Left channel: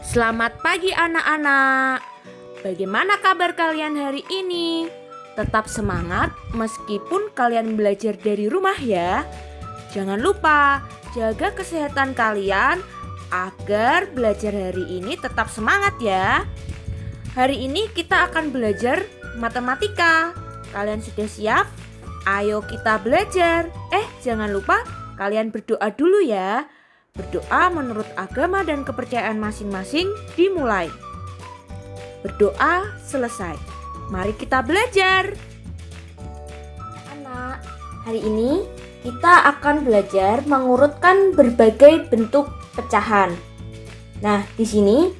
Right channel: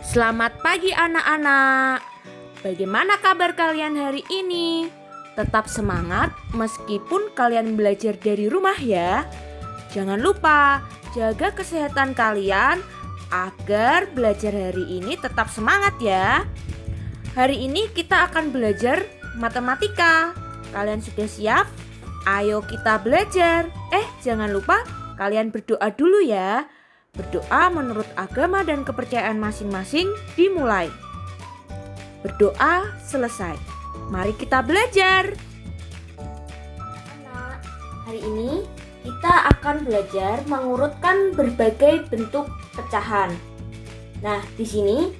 Selamat pagi anak-anak. Bagaimana kabar kalian hari ini? Tetap semangat meskipun kalian belajar dari rumah ya. Jangan lupa jaga kesehatan kalian agar belajar hari ini tetap semangat ya. Hari ini kita akan belajar matematika. Kalian sudah siap? Ayo kita belajar. Jangan lupa kalian berdoa dulu ya. Berdoa menurut agama dan kepercayaan masing-masing dimulai. Berdoa selesai. Mari kita belajar. Anak, hari ini kita akan belajar mengurutkan berbagai bentuk pecahan. Nah, di sini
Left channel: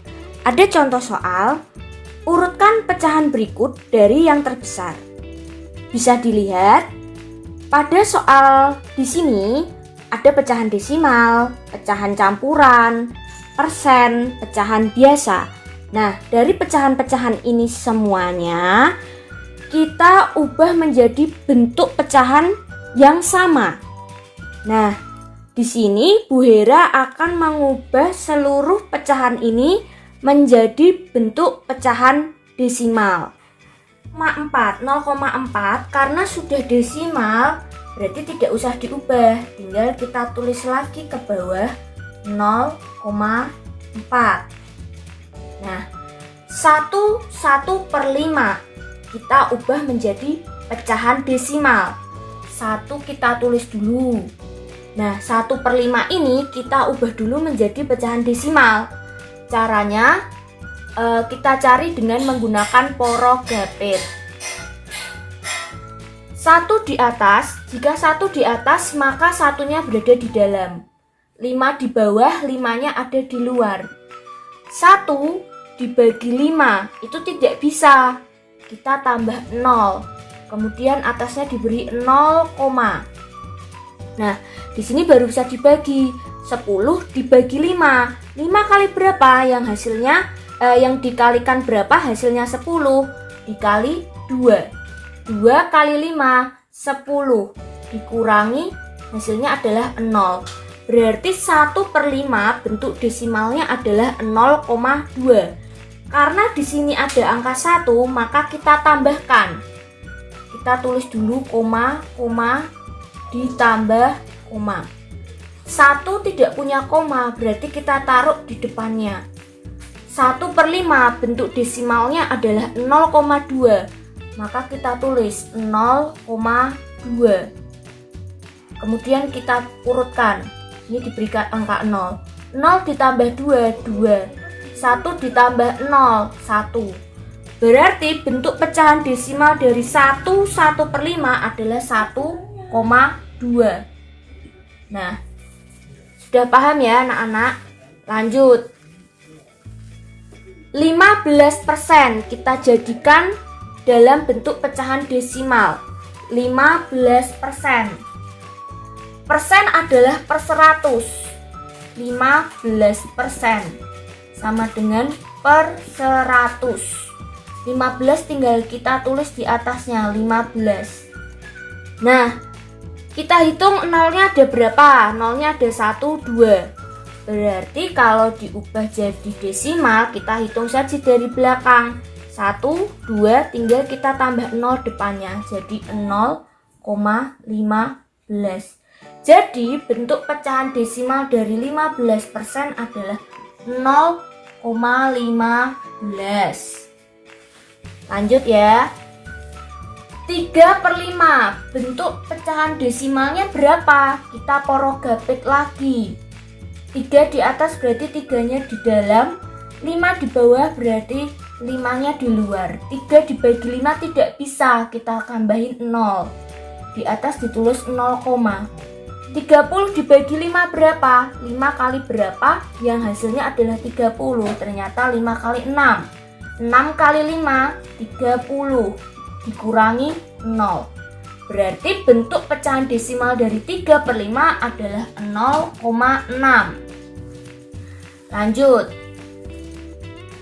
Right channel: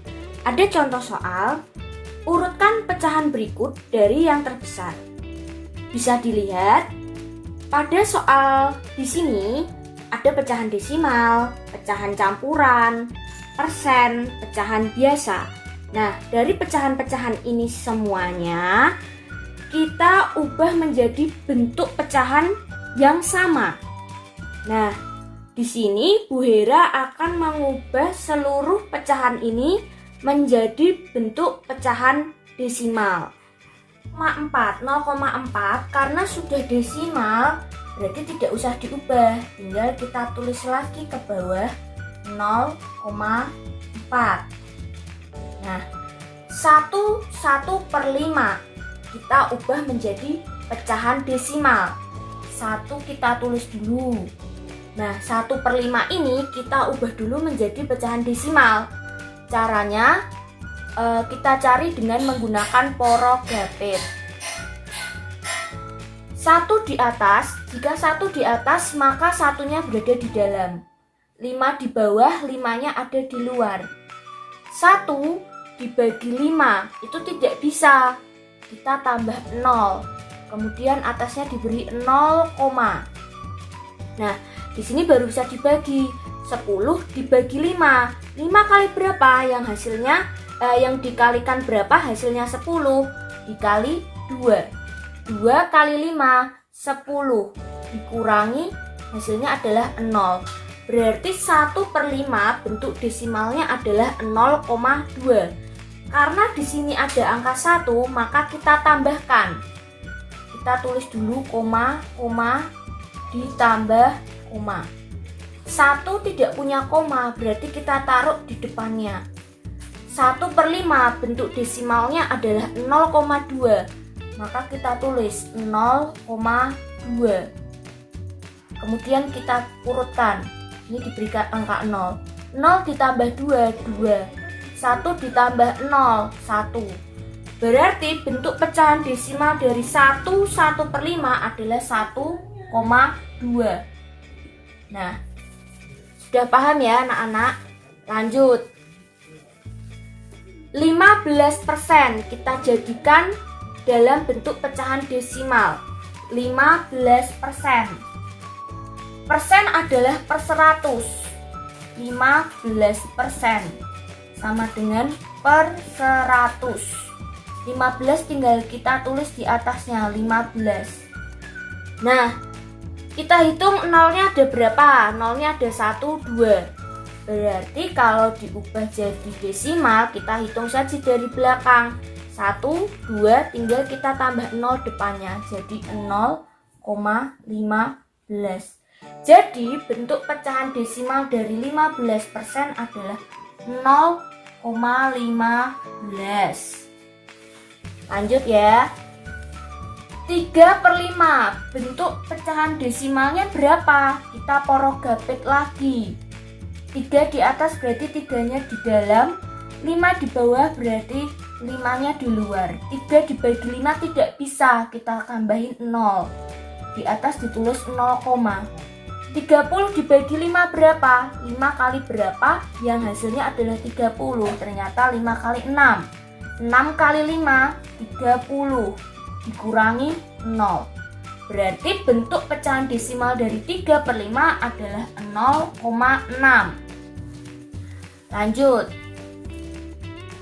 ada contoh soal. Urutkan pecahan berikut dari yang terbesar. Bisa dilihat pada soal di sini ada pecahan desimal, pecahan campuran, persen, pecahan biasa. Nah, dari pecahan-pecahan ini semuanya kita ubah menjadi bentuk pecahan yang sama. Nah, di sini Bu Hera akan mengubah seluruh pecahan ini menjadi bentuk pecahan desimal. 0,4 karena sudah desimal berarti tidak usah diubah, tinggal kita tulis lagi ke bawah 0,4. Nah, 1/5 kita ubah menjadi pecahan desimal. 1 kita tulis dulu. Nah, 1/5 ini kita ubah dulu menjadi pecahan desimal. Caranya kita cari dengan menggunakan porogapit. 1 di atas, jika 1 di atas maka satunya berada di dalam. 5 di bawah, 5-nya ada di luar. 1 dibagi 5 itu tidak bisa. Kita tambah 0. Kemudian atasnya diberi 0, nah, di sini baru bisa dibagi. 10 dibagi 5. 5 kali berapa? Yang hasilnya yang dikalikan berapa? Hasilnya 10 dikali 2. 2 kali 5, 10. Dikurangi hasilnya adalah 0. Berarti 1/5 bentuk desimalnya adalah 0,2. Karena di sini ada angka 1, maka kita tambahkan. Kita tulis dulu koma, ditambah koma. 1 tidak punya koma, berarti kita taruh di depannya. 1/5 bentuk desimalnya adalah 0,2. Maka kita tulis 0,2. Kemudian kita urutkan. Ini diberikan angka 0. 0 ditambah 2, 2. 1 ditambah 0, 1. Berarti bentuk pecahan desimal dari 1/5 adalah 1,2. Nah, sudah paham ya anak-anak? Lanjut. 15% kita jadikan dalam bentuk pecahan desimal. 15%. Persen adalah per 100. 15% sama dengan per 100. 15 tinggal kita tulis di atasnya 15. Nah, kita hitung nolnya ada berapa? Nolnya ada 1, 2. Berarti kalau diubah jadi desimal, kita hitung saja dari belakang. 1, 2, tinggal kita tambah 0 depannya, jadi 0,15. Jadi bentuk pecahan desimal dari 15% adalah 0,15. Lanjut ya. 3/5 bentuk pecahan desimalnya berapa? Kita porogapit lagi. 3 di atas berarti 3-nya di dalam, 5 di bawah berarti 5-nya di luar. 3 dibagi 5 tidak bisa, kita tambahin 0. Di atas ditulis 0, 30 dibagi 5 berapa? 5 kali berapa? Yang hasilnya adalah 30. Ternyata 5 kali 6. 6 kali 5, 30. Dikurangi 0. Berarti bentuk pecahan desimal dari 3/5 adalah 0,6. Lanjut.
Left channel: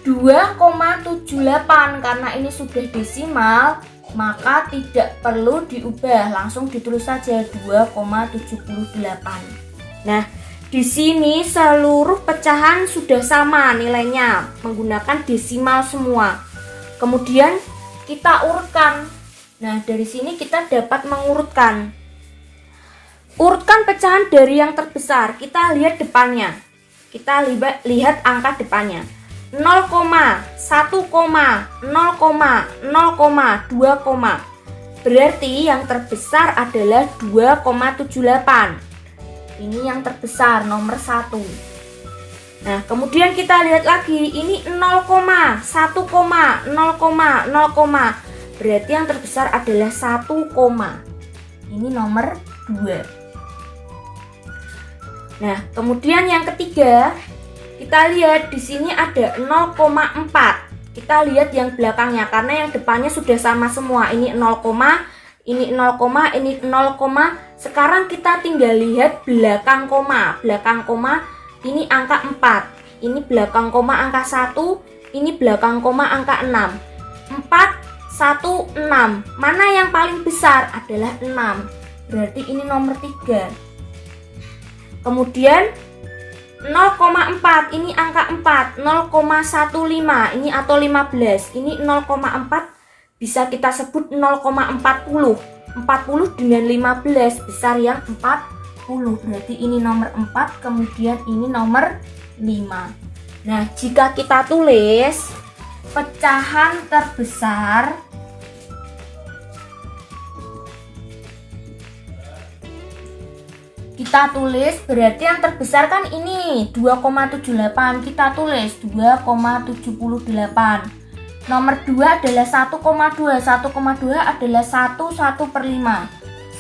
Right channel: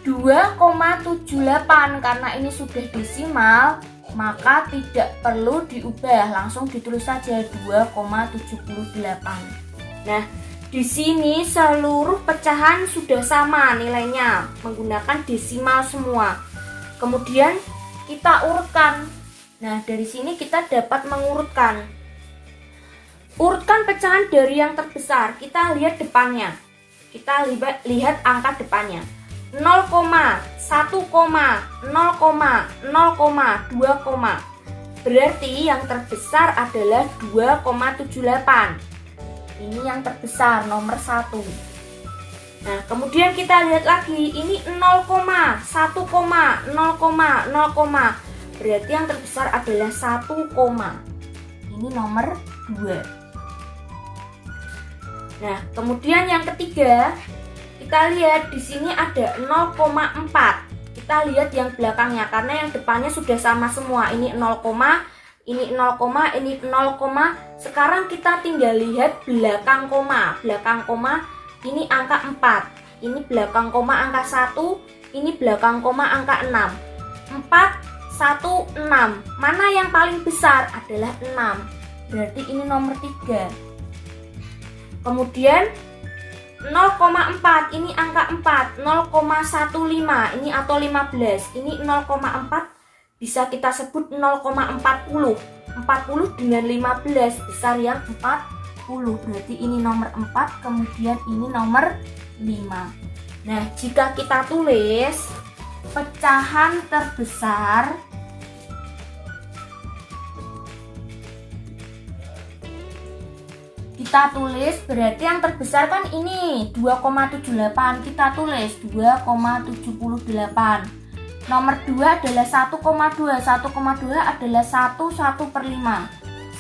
2,78 karena ini sudah desimal, maka tidak perlu diubah, langsung ditulis saja 2,78. Nah, Di sini seluruh pecahan sudah sama nilainya, menggunakan desimal semua. Kemudian kita urutkan. Nah, dari sini kita dapat mengurutkan. Urutkan pecahan dari yang terbesar. Kita lihat depannya. Kita lihat angka depannya. 0, 1, 0, 0, 2, berarti yang terbesar adalah 2,78. Ini yang terbesar, nomor 1. Nah, kemudian kita lihat lagi, ini 0, 1, 0, 0, berarti yang terbesar adalah 1, ini nomor 2. Nah, kemudian yang ketiga, kita lihat di sini ada 0,4. Kita lihat yang belakangnya karena yang depannya sudah sama semua. Ini 0, ini 0, ini 0. Sekarang kita tinggal lihat belakang koma. Belakang koma ini angka 4. Ini belakang koma angka 1. Ini belakang koma angka 6. 4, 1, 6. Mana yang paling besar? Adalah 6. Berarti ini nomor 3. Kemudian 0,4 ini angka 4. 0,15 ini atau 15. Ini 0,4 bisa kita sebut 0,40. 40 dengan 15 besar yang 40. Berarti ini nomor 4, kemudian ini nomor 5. Nah, jika kita tulis pecahan terbesar kita tulis, berarti yang terbesar kan ini 2,78. Kita tulis 2,78. Nomor 2 adalah 1,2. 1,2 adalah 1/5.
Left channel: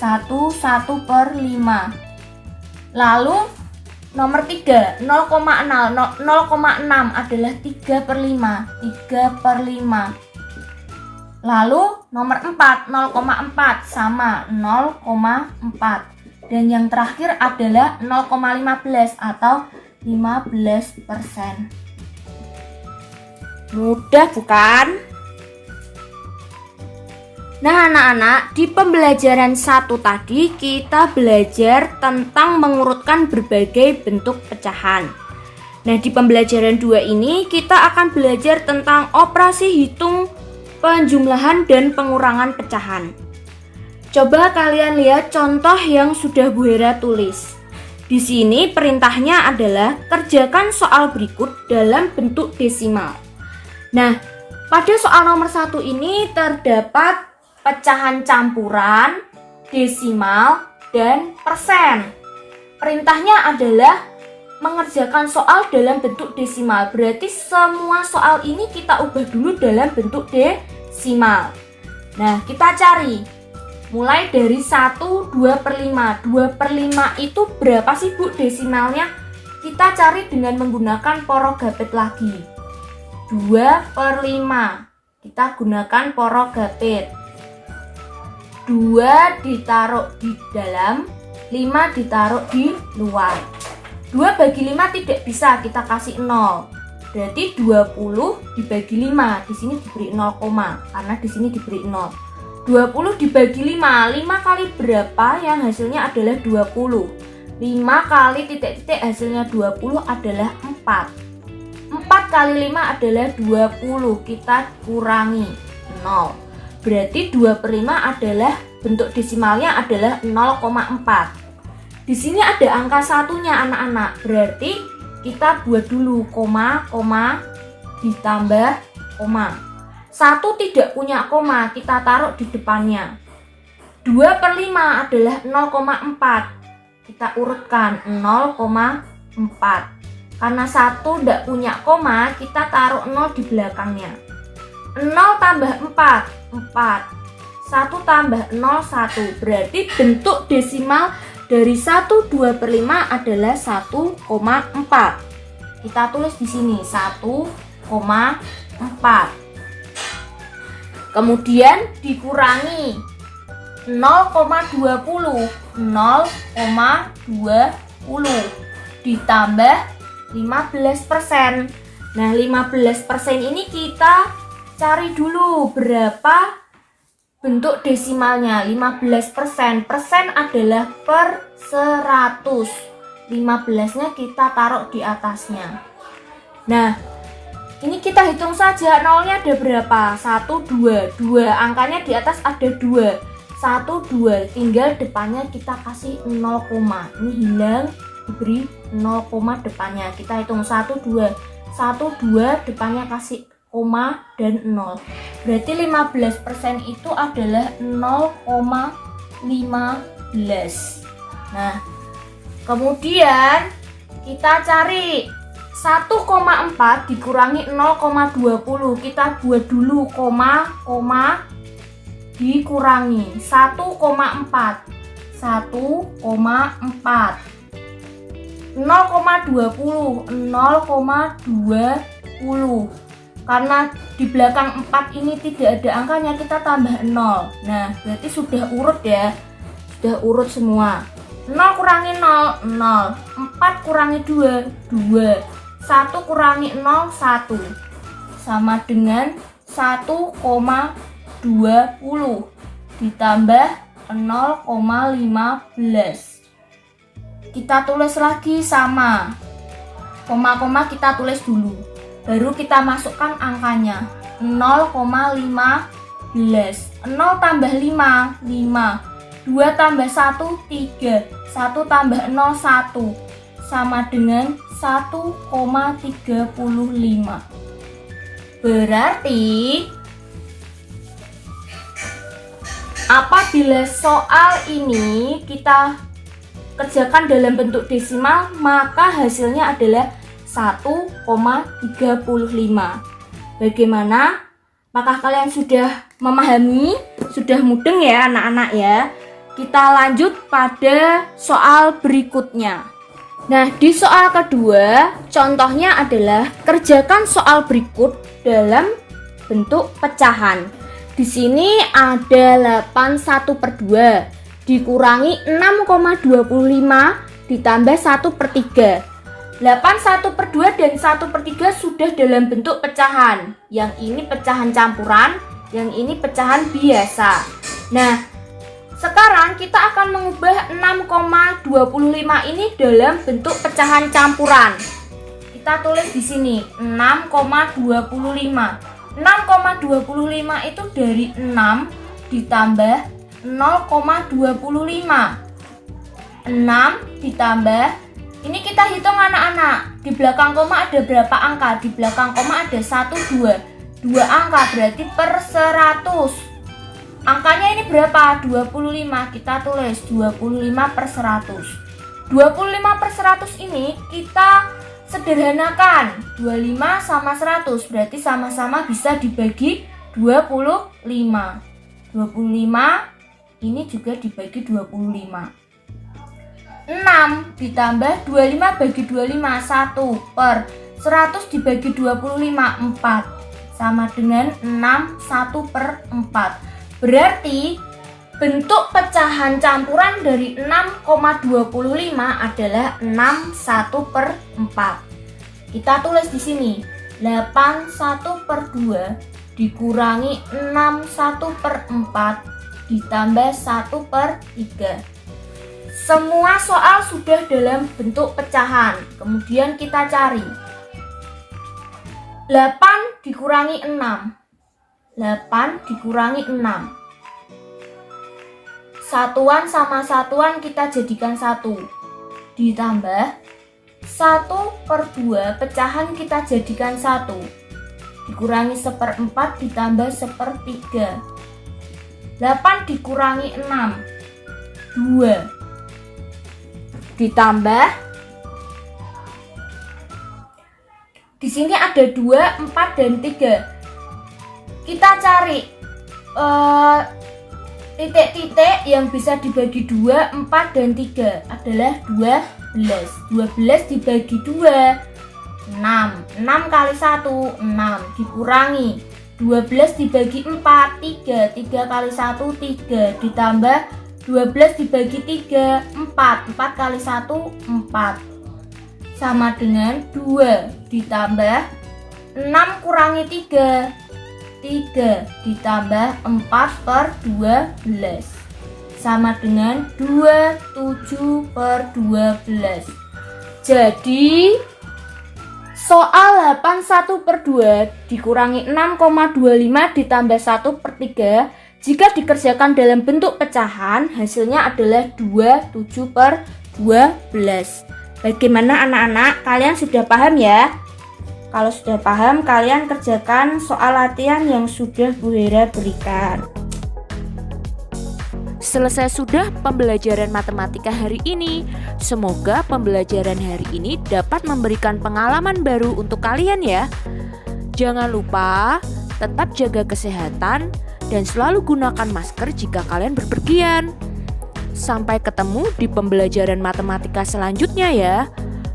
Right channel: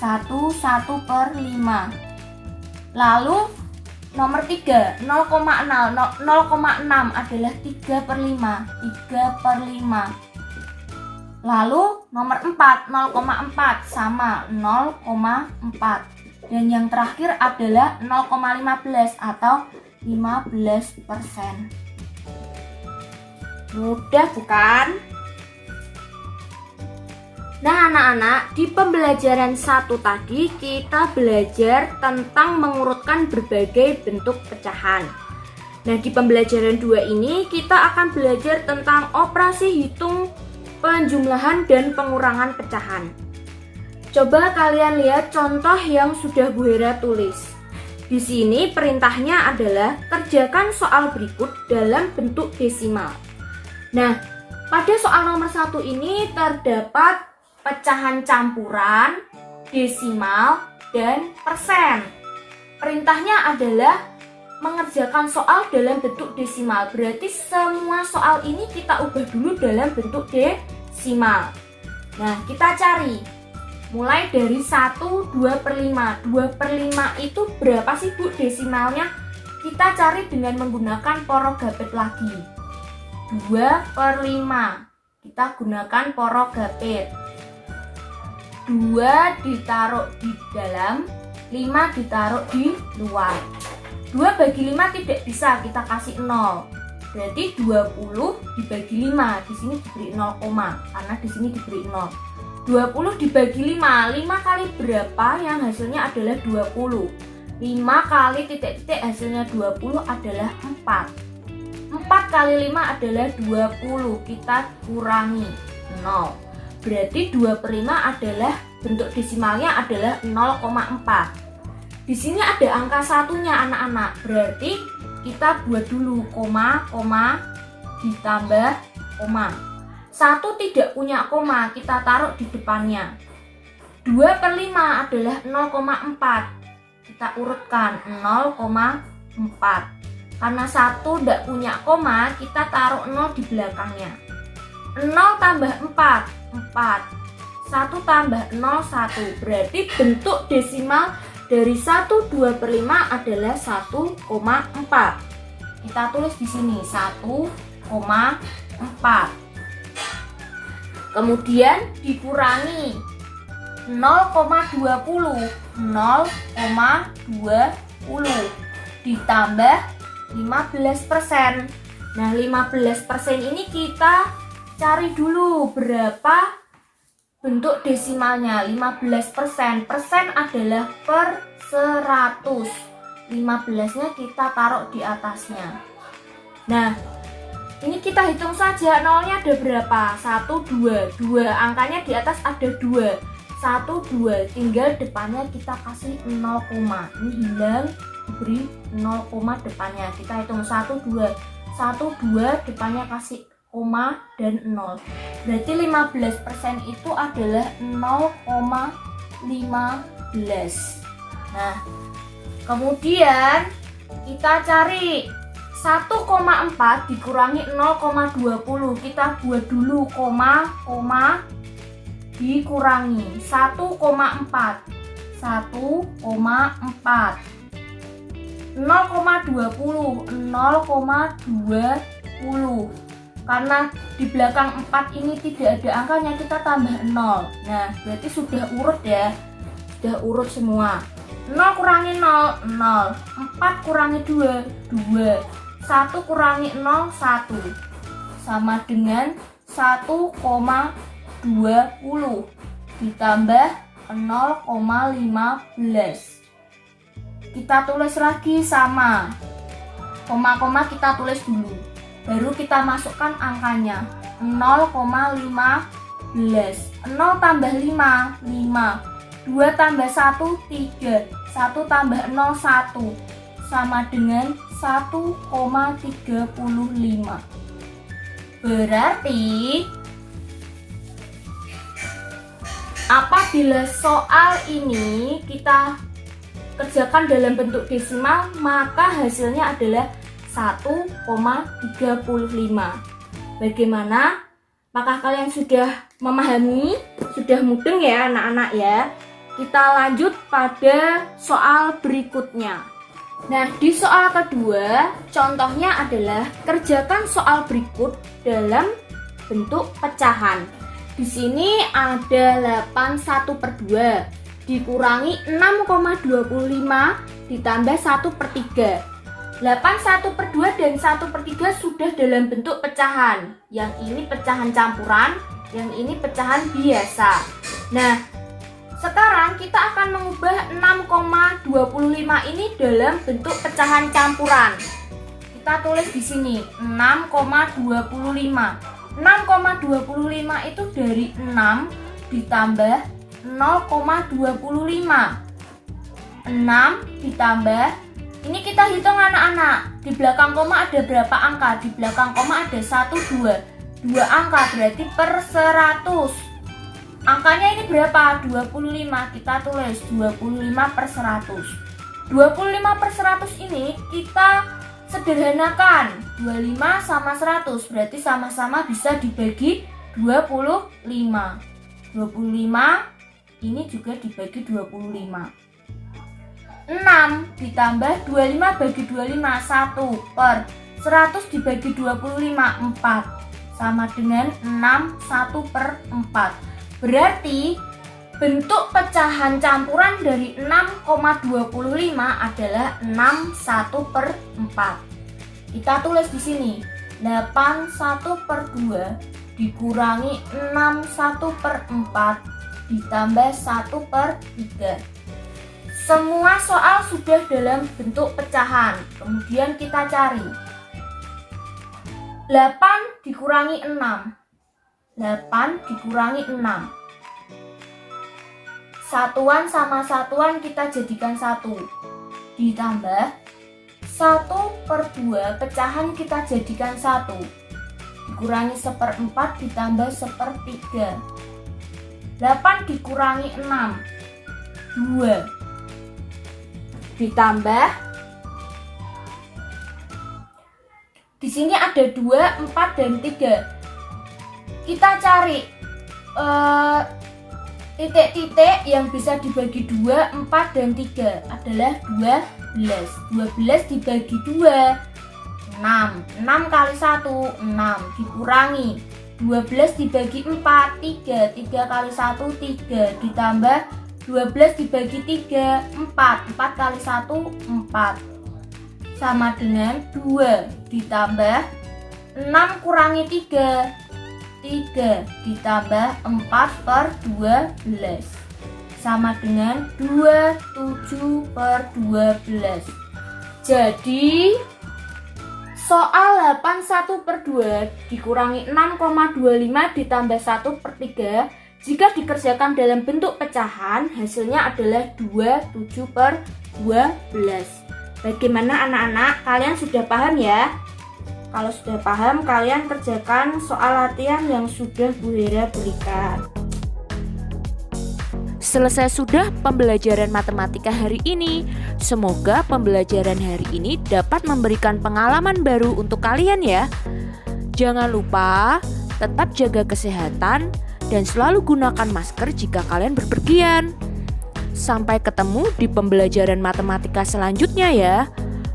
1/5. Lalu nomor 3 0,6 adalah 3/5. 3/5. Lalu nomor 4 0,4 sama 0,4. Dan yang terakhir adalah 0,15 atau 15%. Mudah bukan? Nah anak-anak, di pembelajaran 1 tadi kita belajar tentang mengurutkan berbagai bentuk pecahan. Nah, di pembelajaran 2 ini kita akan belajar tentang operasi hitung, penjumlahan, dan pengurangan pecahan. Coba kalian lihat contoh yang sudah Bu Hera tulis. Di sini perintahnya adalah kerjakan soal berikut dalam bentuk desimal. Nah, pada soal nomor 1 ini terdapat pecahan campuran, desimal, dan persen. Perintahnya adalah mengerjakan soal dalam bentuk desimal. Berarti semua soal ini kita ubah dulu dalam bentuk desimal. Nah, kita cari. Mulai dari 1, 2/5. 2/5 itu berapa sih Bu desimalnya? Kita cari dengan menggunakan porogapit lagi. 2/5. Kita gunakan porogapit. 2 ditaruh di dalam, 5 ditaruh di luar. 2 bagi 5 tidak bisa, kita kasih 0. Berarti 20 dibagi 5. Di sini diberi 0, karena di sini diberi 0. 20 dibagi 5. 5 kali berapa yang hasilnya adalah 20? 5 kali titik-titik hasilnya 20 adalah 4. 4 kali 5 adalah 20. Kita kurangi 0. Berarti 2/5 adalah bentuk desimalnya adalah 0,4. Di sini ada angka satunya anak-anak. Berarti kita buat dulu koma, ditambah koma. 1 tidak punya koma, kita taruh di depannya. 2/5 adalah 0,4. Kita urutkan 0,4. Karena 1 tidak punya koma, kita taruh 0 di belakangnya. 0 tambah 4, 4. 1 tambah 0, 1. Berarti bentuk desimal dari 1 2/5 adalah 1,4. Kita tulis di sini 1,4. Kemudian dikurangi 0,20. 0,20 ditambah 15%. Nah, 15% ini kita cari dulu berapa bentuk desimalnya. 15%. Persen adalah per 100. 15-nya kita taruh di atasnya. Nah, ini kita hitung saja, nolnya ada berapa? 1, 2, 2, angkanya di atas ada 2, 1, 2, tinggal depannya kita kasih 0, ini hilang, diberi 0, depannya, kita hitung 1, 2, 1, 2, depannya kasih koma dan 0, berarti 15% itu adalah 0,15. Nah, kemudian kita cari 1,4 dikurangi 0,20. Kita buat dulu koma, dikurangi 1,4. 1,4 0,20 0,20. Karena di belakang 4 ini tidak ada angkanya, kita tambah 0. Nah, berarti sudah urut ya. Sudah urut semua. 0 kurangi 0, 0. 4 kurangi 2, 2. 1 kurangi 0, 1. Sama dengan 1,20 ditambah 0,15. Kita tulis lagi sama. Koma-koma kita tulis dulu. Baru kita masukkan angkanya. 0,15. 0 tambah 5, 5. 2 tambah 1, 3. 1 tambah 0, 1. Sama dengan 1,35. Berarti apabila soal ini kita kerjakan dalam bentuk desimal, maka hasilnya adalah 1,35. Bagaimana? Apakah kalian sudah memahami? Sudah mudeng ya anak-anak ya? Kita lanjut pada soal berikutnya. Nah, di soal kedua, contohnya adalah kerjakan soal berikut dalam bentuk pecahan. Di sini ada 81/2 dikurangi 6,25 ditambah 1/3. 81/2 dan 1/3 sudah dalam bentuk pecahan. Yang ini pecahan campuran, yang ini pecahan biasa. Nah, sekarang kita akan mengubah 6,25 ini dalam bentuk pecahan campuran. Kita tulis di sini 6,25. 6,25 itu dari 6 ditambah 0,25. 6 ditambah, ini kita hitung anak-anak. Di belakang koma ada berapa angka? Di belakang koma ada 1, 2. 2 angka berarti per 100. Angkanya ini berapa? 25. Kita tulis 25/100. 25/100 ini kita sederhanakan. 25 sama 100 berarti sama-sama bisa dibagi 25. 25 ini juga dibagi 25. 6 ditambah 25 bagi 25, 1 per 100 dibagi 25, 4. Sama dengan 6, 1/4. Berarti bentuk pecahan campuran dari 6,25 adalah 6 1/4. Kita tulis di sini 8 1/2 dikurangi 6 1/4 ditambah 1/3. Semua soal sudah dalam bentuk pecahan. Kemudian kita cari 8 dikurangi 6. 8 dikurangi 6. Satuan sama satuan kita jadikan 1. Ditambah 1/2 pecahan kita jadikan 1. Dikurangi 1/4 ditambah 1/3. 8 dikurangi 6. 2. Ditambah, di sini ada 2, 4, dan 3. Kita cari titik-titik yang bisa dibagi 2, 4, dan 3 adalah 12. 12 dibagi 2, 6. 6 kali 1, 6. Dikurangi 12 dibagi 4, 3. 3 kali 1, 3. Ditambah 12 dibagi 3, 4. 4 kali 1, 4. Sama dengan 2. Ditambah 6 kurangi 3. 3 ditambah 4/12 sama dengan 27/12. Jadi soal 81/2 dikurangi 6,25 ditambah 1/3 jika dikerjakan dalam bentuk pecahan hasilnya adalah 27/12. Bagaimana anak-anak? Kalian sudah paham ya? Kalau sudah paham, kalian kerjakan soal latihan yang sudah Bu Hera berikan. Selesai sudah pembelajaran matematika hari ini. Semoga pembelajaran hari ini dapat memberikan pengalaman baru untuk kalian ya. Jangan lupa tetap jaga kesehatan dan selalu gunakan masker jika kalian berpergian. Sampai ketemu di pembelajaran matematika selanjutnya ya.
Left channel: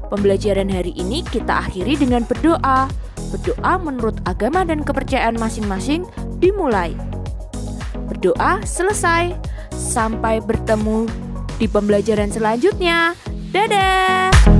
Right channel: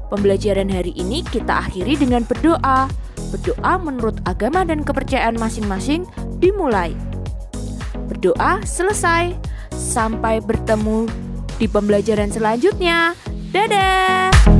Pembelajaran hari ini kita akhiri dengan berdoa. Berdoa menurut agama dan kepercayaan masing-masing dimulai. Berdoa selesai. Sampai bertemu di pembelajaran selanjutnya. Dadah!